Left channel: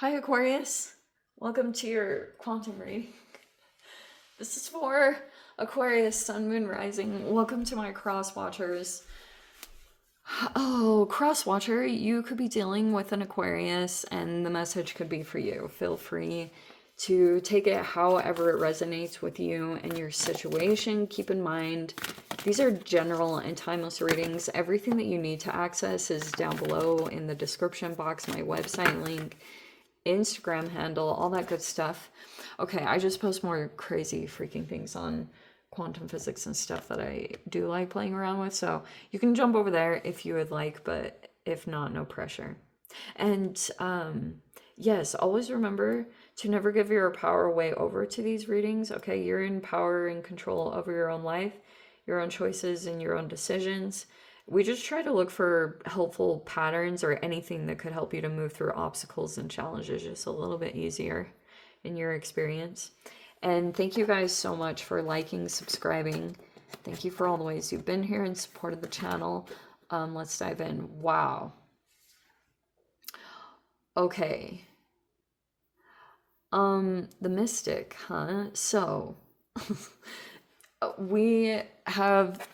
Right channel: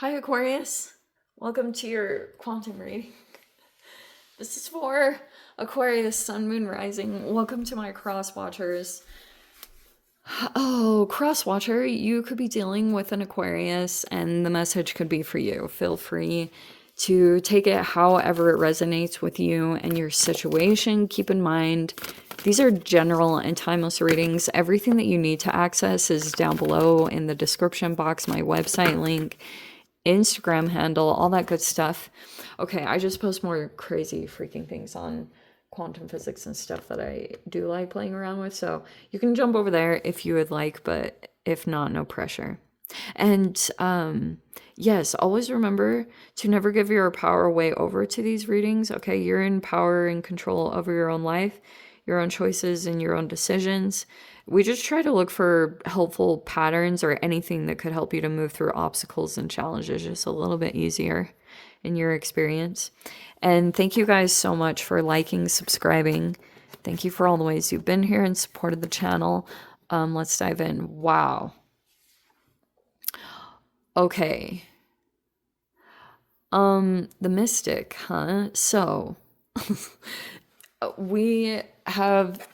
Hi, Aquarius. Welcome to your quantum reading. This is for Aquarius, Sun, Moon, Rising. Welcome to my cross watchers. Oh, cross watcher, you could be dealing with an Aquarius, and the message could be for you. Feel free to take it however it resonates with you and your situation. Keep in mind, these are general and timeless readings. Everything that you need to access is down below in the description box, my website link, Instagram handle, all that good stuff. Okay, I just post more crazy freaking things on quantum physics and stuff that I do like playing around with, so you can jump over there if you would like, but if not, no pressure. And yes, always remember to never give your power away over to these readings. Okay, you're in power and control over your own life, your own choices, and your own decisions. We just try to look for helpful patterns or anything that could help you to move through obstacles and challenges just a little bit easier in your experience. And thank you guys so much for liking, subscribing. Thank you for all the ways you've been here and supported the channel. Let's dive in. Wow. Okay. The Mystic, huh? So we have,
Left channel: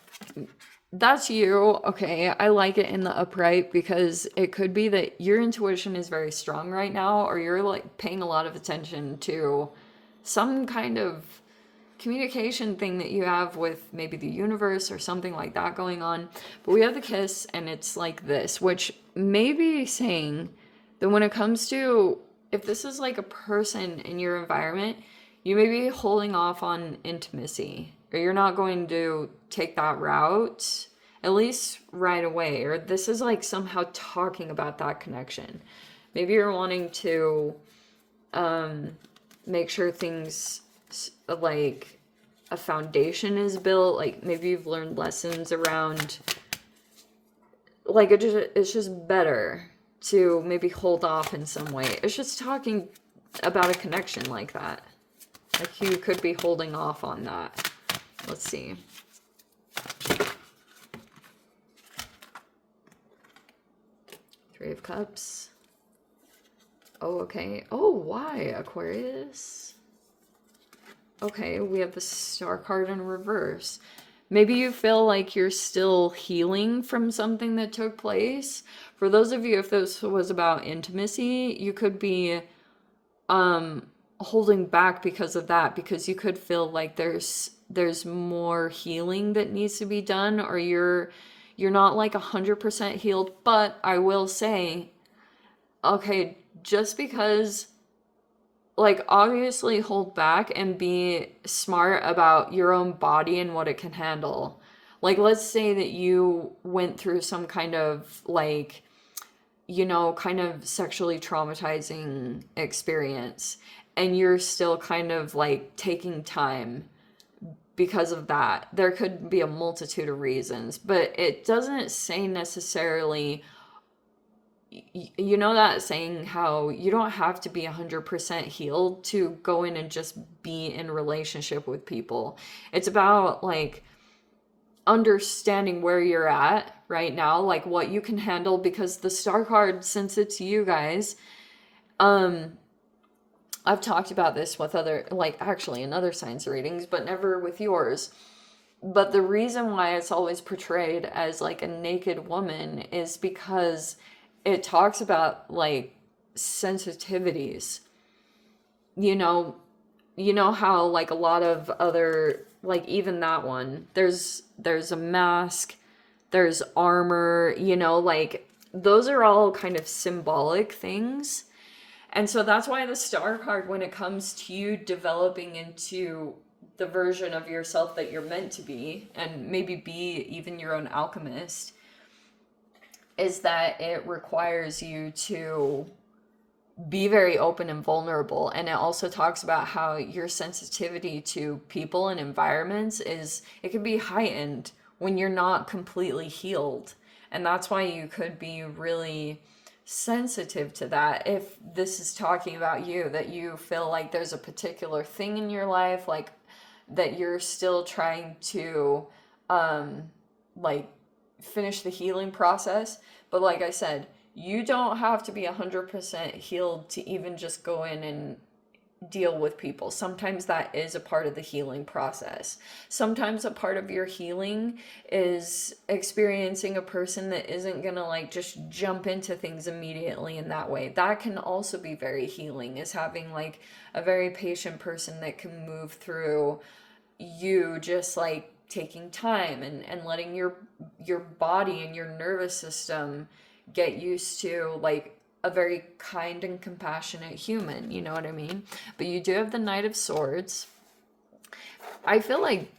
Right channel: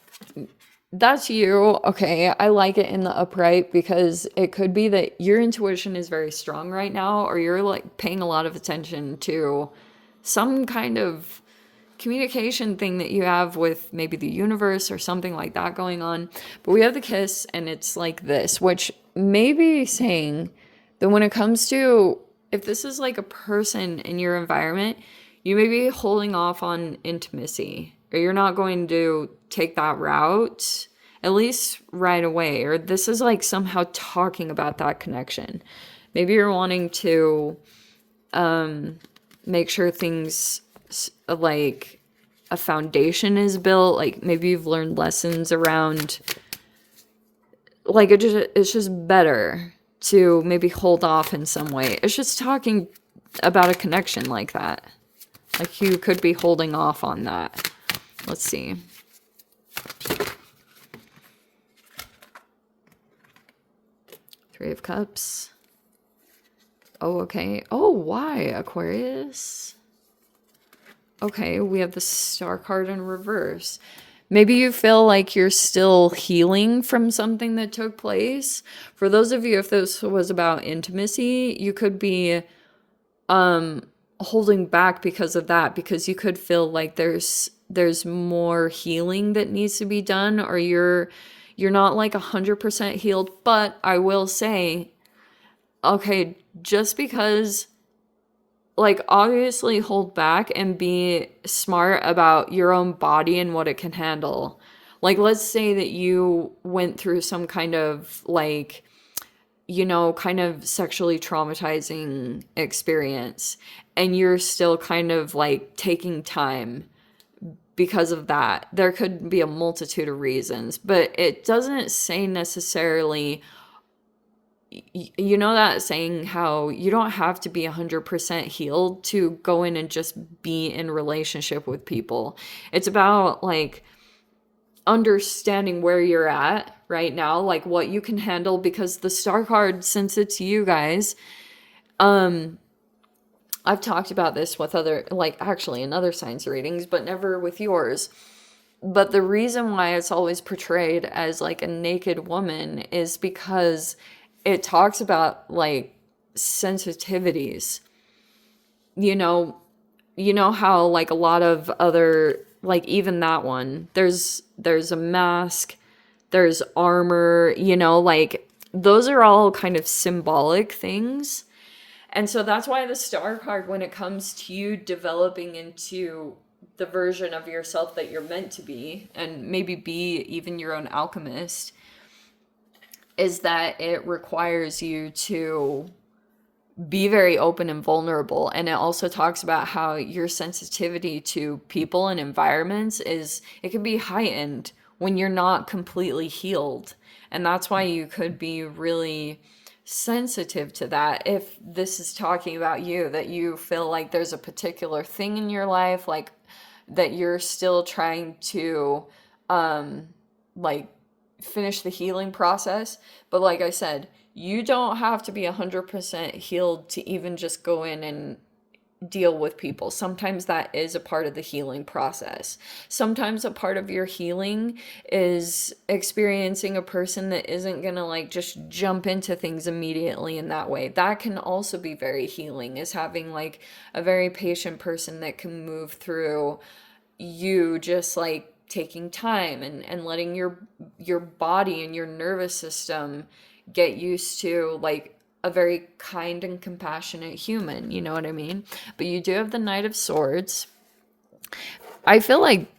that's you. Okay, I like it in the upright because it could be that your intuition is very strong right now, or you're like paying a lot of attention to some kind of communication thing that you have with maybe the universe or something like that going on. But we have the Kiss, and it's like this, which may be saying that when it comes to, if this is like a person in your environment, you may be holding off on intimacy, or you're not going to take that route, at least right away, or this is like somehow talking about that connection. Maybe you're wanting to make sure things like a foundation is built, like maybe you've learned lessons around, like it's just better to maybe hold off in some way. It's just talking about a connection like that. Like you could be holding off on that. Let's see. Three of Cups. Oh, okay. Oh, why, Aquarius? Okay, we have the Star card in reverse. Maybe you feel like you're still healing from something that took place. For those of you, if this was about intimacy, you could be holding back because of that, because you could feel like there's more healing that needs to be done, or you're not like 100% healed. But I will say, okay, just because, like, obviously hold back and be smart about your own body and what it can handle. Like, let's say that you went through some kind of, like, kind of sexually traumatizing experience, and you're still kind of like taking time because of that. There could be a multitude of reasons, but it doesn't say necessarily, that saying how you don't have to be 100% healed to go in and just be in relationship with people. It's about like understanding where you're at right now, like what you can handle, because the Star card, since it's you guys, I've talked about this with other, like actually in other signs readings, but never with yours. But the reason why it's always portrayed as like a naked woman is because it talks about like sensitivities. You know, how like a lot of other, like even that one, there's a mask, there's armor, like those are all kind of symbolic things. And so that's why the Star card, when it comes to you developing into the version of yourself that you're meant to be, and maybe be even your own alchemist, is that it requires you to be very open and vulnerable. And it also talks about how your sensitivity to people and environments it can be heightened when you're not completely healed. And that's why you could be really sensitive to that. If this is talking about you, that you feel like there's a particular thing in your life, like that you're still trying to like finish the healing process. But like I said, You don't have to be 100% healed to even just go in and deal with people. Sometimes that is a part of the healing process. Sometimes a part of your healing is experiencing a person that isn't going to like just jump into things immediately in that way. That can also be very healing, is having like a very patient person that can move through you just like taking time and letting your body and your nervous system get used to like a very kind and compassionate human, you know what I mean? But you do have the Knight of Swords. I feel like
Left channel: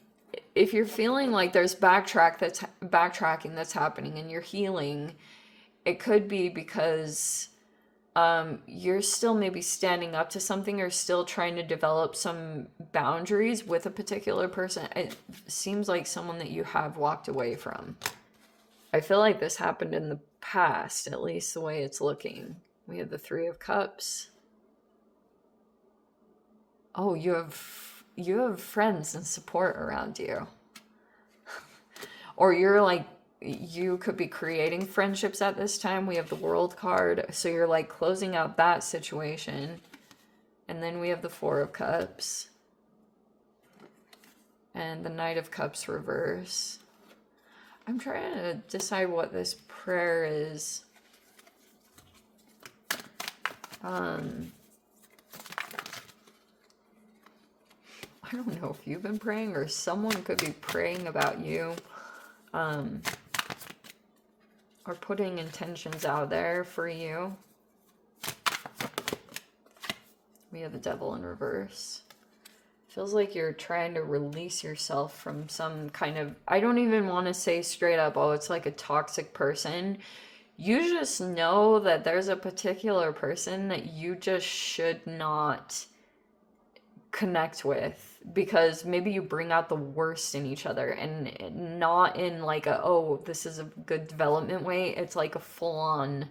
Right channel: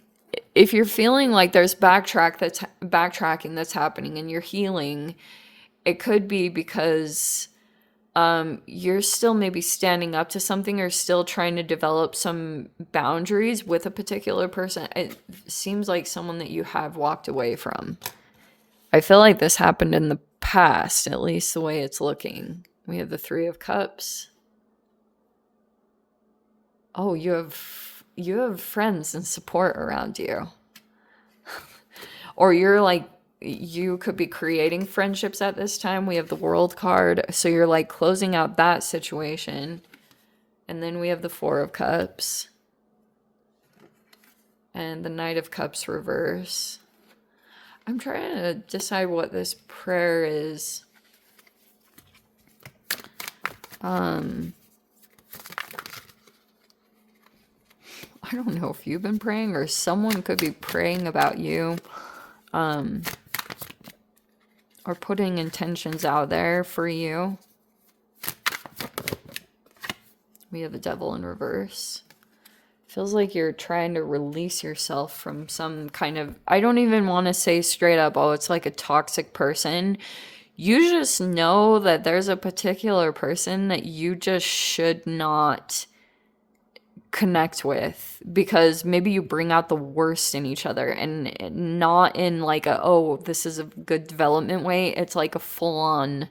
if you're feeling like there's backtracking that's happening and you're healing, it could be because you're still maybe standing up to something or still trying to develop some boundaries with a particular person. It seems like someone that you have walked away from. I feel like this happened in the past, at least the way it's looking. We have the Three of Cups. Oh, you have friends and support around you. Or you're like, you could be creating friendships at this time. We have the World card, so you're like closing out that situation. And then we have the Four of Cups and the Knight of Cups reverse. I'm trying to decide what this prayer is. I don't know if you've been praying or someone could be praying about you. Or putting intentions out there for you. We have the Devil in reverse. Feels like you're trying to release yourself from some kind of, I don't even want to say straight up, oh, it's like a toxic person. You just know that there's a particular person that you just should not connect with, because maybe you bring out the worst in each other, and not in like a, oh, this is a good development way. It's like a full-on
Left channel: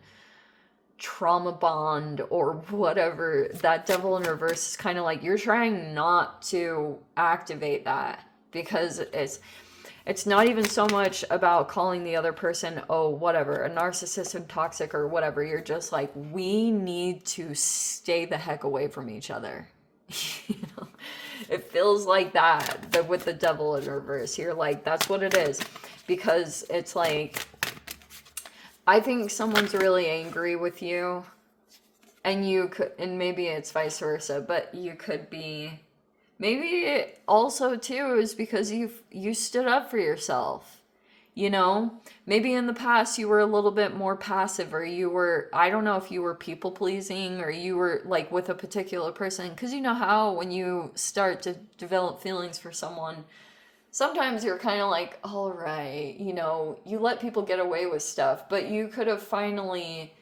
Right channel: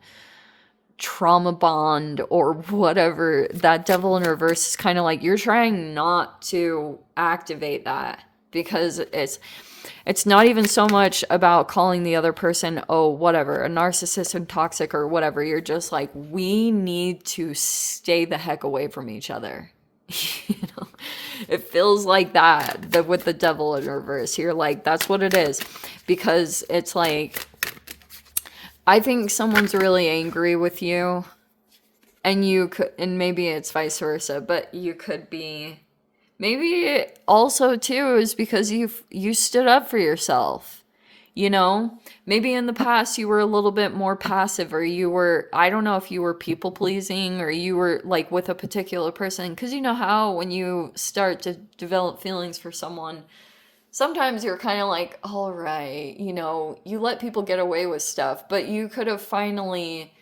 trauma bond or whatever. That Devil in reverse is kind of like you're trying not to activate that, because it's not even so much about calling the other person, oh, whatever, a narcissist and toxic or whatever. You're just like, we need to stay the heck away from each other. You know, it feels like that with the Devil in reverse. You're like, that's what it is, because it's like, I think someone's really angry with you, and you could, and maybe it's vice versa, but you could be, maybe also too is because you stood up for yourself. You know, maybe in the past you were a little bit more passive, or you were, I don't know if you were people pleasing, or you were like with a particular person, because you know how when you start to develop feelings for someone, sometimes you're kind of like, all right, you know, you let people get away with stuff, but you could have finally,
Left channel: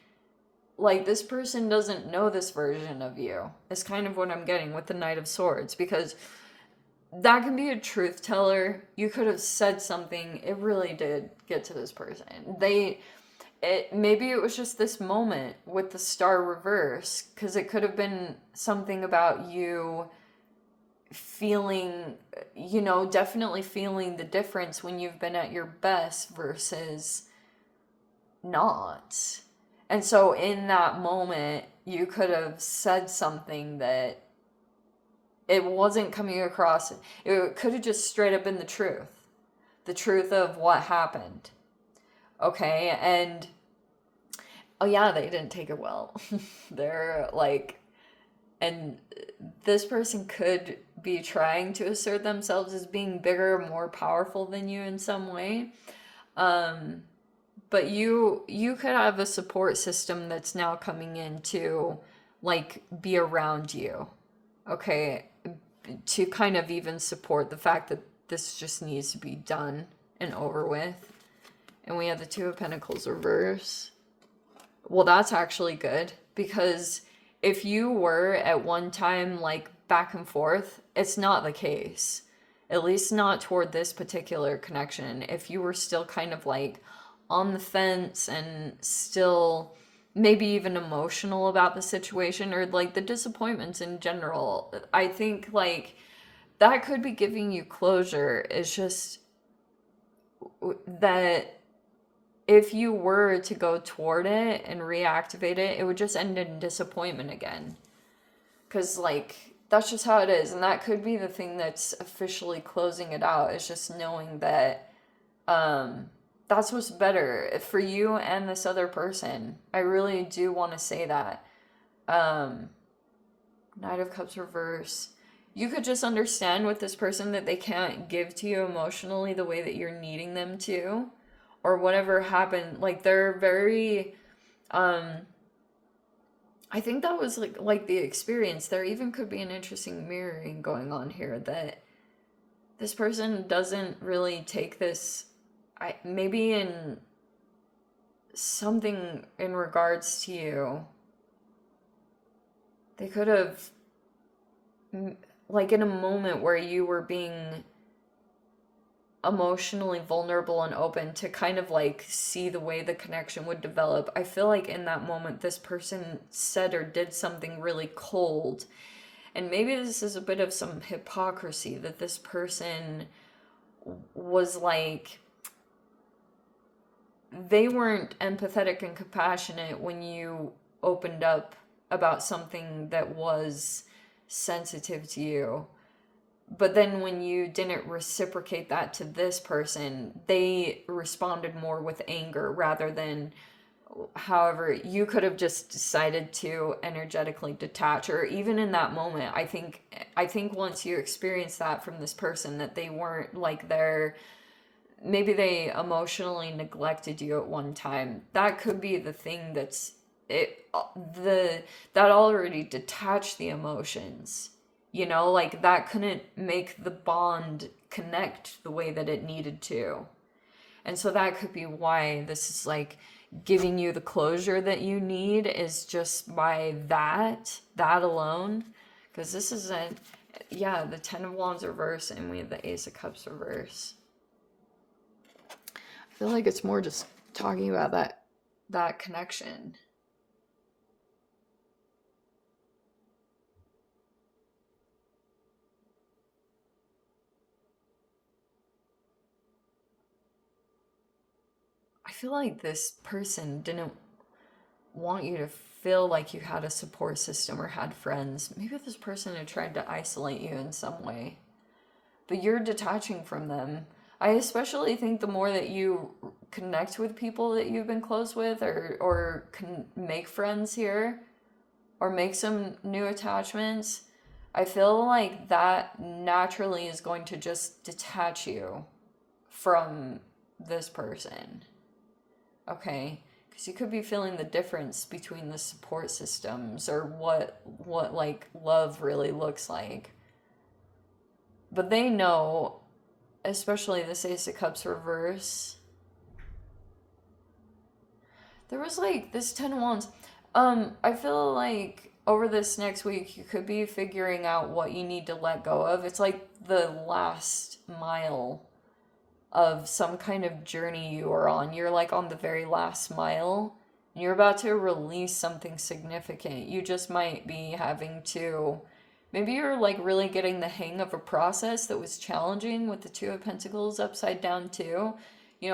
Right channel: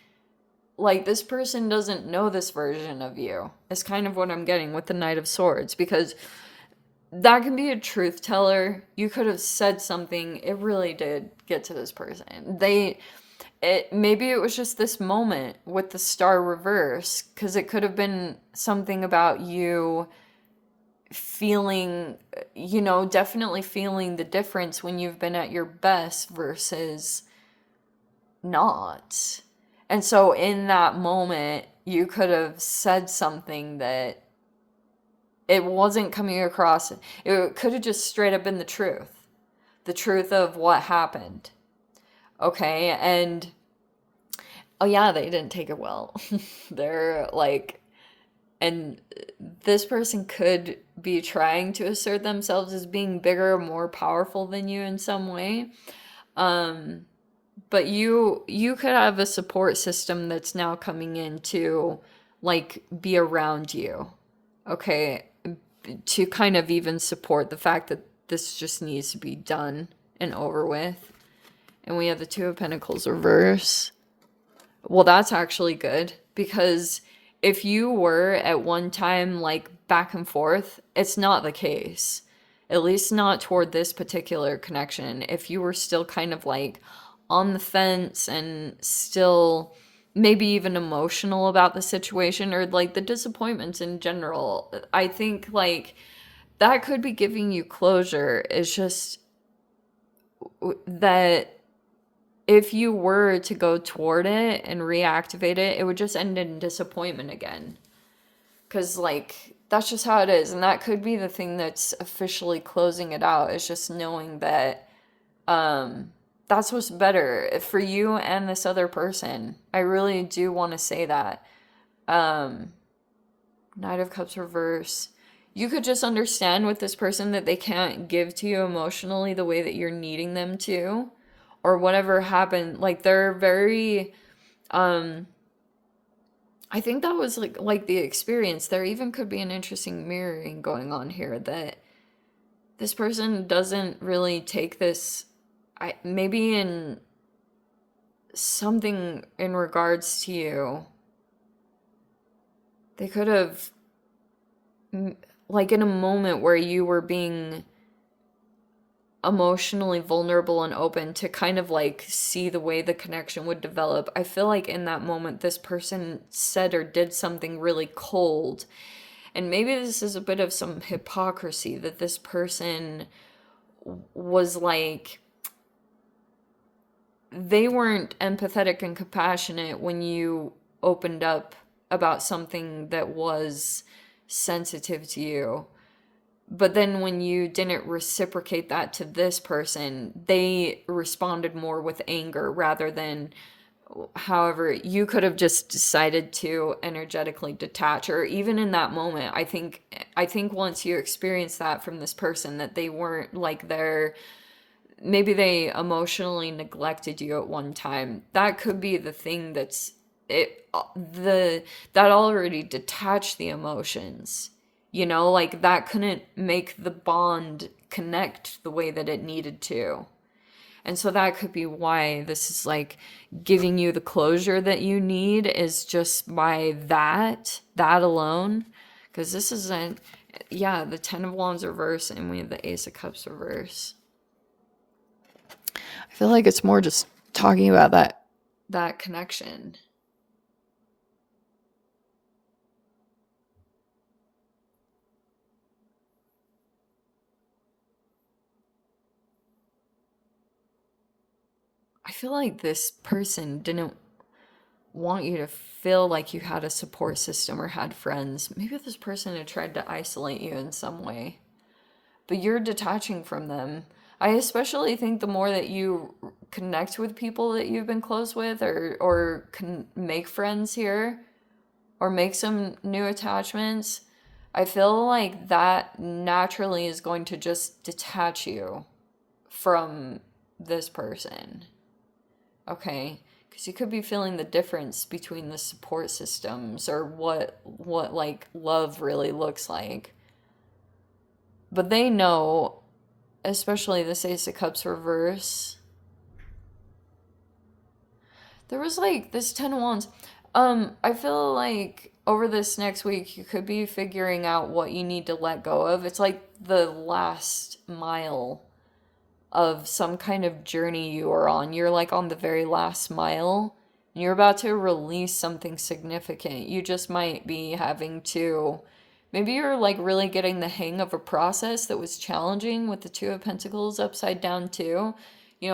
like, this person doesn't know this version of you. Is kind of what I'm getting with the Knight of Swords, because that can be a truth teller. You could have said something, it really did get to this person. Maybe it was just this moment with the Star reverse, because it could have been something about you feeling, you know, definitely feeling the difference when you've been at your best versus not. And so in that moment, you could have said something that it wasn't coming across. It could have just straight up been the truth of what happened. Okay, and oh yeah, they didn't take it well. They're like, and this person could be trying to assert themselves as being bigger, more powerful than you in some way. But you could have a support system that's now coming in to like be around you. Okay, to kind of even support the fact that this just needs to be done and over with. And we have the Two of Pentacles reverse. Well, that's actually good, because if you were at one time like back and forth, it's not the case. At least not toward this particular connection. If you were still kind of like on the fence and still maybe even emotional about the situation, or like the disappointments in general, I think like that could be giving you closure. It's just that if you were to go toward it and reactivate it, it would just end in disappointment again. Because, like, that's just how it is. And that could be the thing that's officially closing it out, is just knowing that that's what's better for you and this other person. I really do want to say that. Um, Knight of Cups reverse. You could just understand with this person that they can't give to you emotionally the way that you're needing them to, or whatever happened. Like, they're very, I think that was like the experience. There even could be an interesting mirroring going on here, that this person doesn't really take this, maybe in something in regards to you. They could have, like, in a moment where you were being emotionally vulnerable and open to kind of like see the way the connection would develop. I feel like in that moment, this person said or did something really cold. And maybe this is a bit of some hypocrisy, that this person was like, they weren't empathetic and compassionate when you opened up about something that was sensitive to you. But then when you didn't reciprocate that to this person, they responded more with anger rather than, however, you could have just decided to energetically detach. Or even in that moment, I think once you experience that from this person, that they weren't like, they're, maybe they emotionally neglected you at one time. That could be the thing that's it, the that already detached the emotions. Like, that couldn't make the bond connect the way that it needed to. And so that could be why this is like giving you the closure that you need, is just by that alone. Because this isn't, yeah, the Ten of Wands reverse, and we have the Ace of Cups reverse. I feel like it's more just talking about that connection. I feel like this person didn't want you to feel like you had a support system or had friends. Maybe this person had tried to isolate you in some way, but you're detaching from them. I especially think the more that you connect with people that you've been close with, or can make friends here, or make some new attachments, I feel like that naturally is going to just detach you from this person. Okay? Because you could be feeling the difference between the support systems, or what like love really looks like. But they know, especially the Ace of Cups reverse. There was like this Ten of Wands. I feel like over this next week you could be figuring out what you need to let go of. It's like the last mile of some kind of journey you are on. You're like on the very last mile. You're about to release something significant. You just might be having to, maybe you're like really getting the hang of a process that was challenging with the Two of Pentacles upside down too.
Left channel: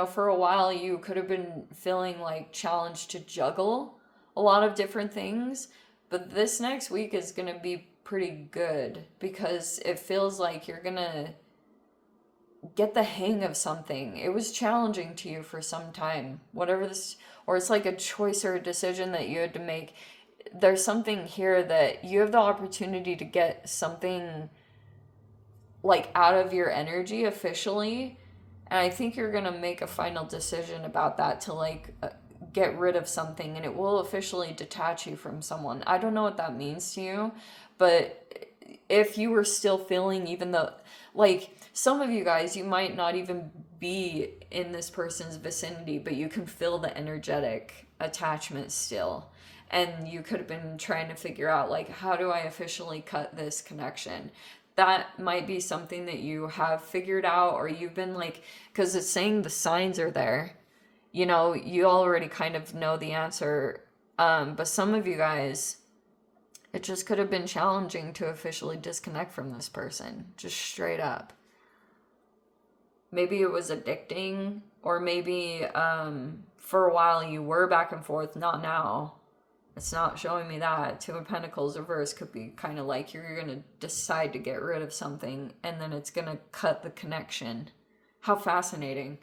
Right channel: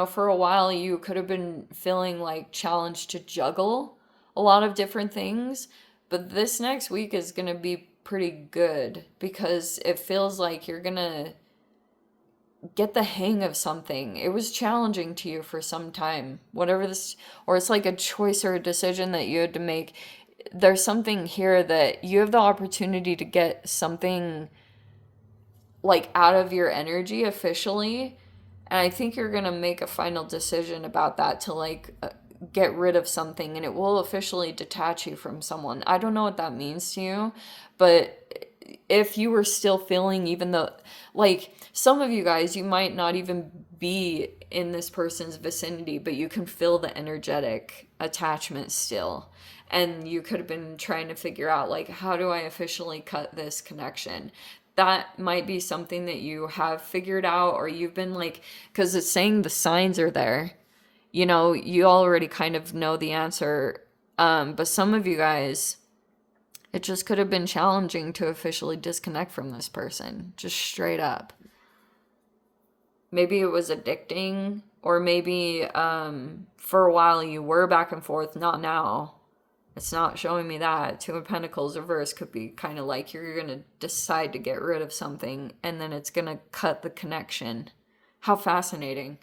For a while you could have been feeling like challenged to juggle a lot of different things, but this next week is going to be pretty good, because it feels like you're going to get the hang of something. It was challenging to you for some time, whatever this, or it's like a choice or a decision that you had to make. There's something here that you have the opportunity to get something like out of your energy officially. And I think you're going to make a final decision about that, to like get rid of something, and it will officially detach you from someone. I don't know what that means to you, but if you were still feeling, even though, like, some of you guys, you might not even be in this person's vicinity, but you can feel the energetic attachment still. And you could have been trying to figure out, like, how do I officially cut this connection? That might be something that you have figured out, or you've been like, because it's saying the signs are there. You already kind of know the answer. But some of you guys, it just could have been challenging to officially disconnect from this person, just straight up. Maybe it was addicting, Or maybe for a while you were back and forth, not now. It's not showing me that. Two of Pentacles reverse could be kind of like you're going to decide to get rid of something and then it's going to cut the connection. How fascinating.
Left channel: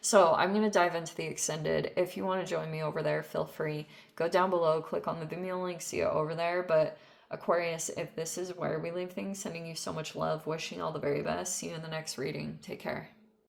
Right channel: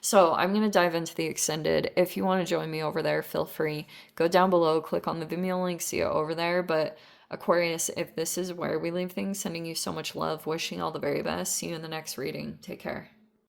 So I'm going to dive into the extended. If you want to join me over there, feel free. Go down below, click on the Vimeo link, see it over there. But Aquarius, if this is where we leave things, sending you so much love, wishing all the very best. See you in the next reading. Take care.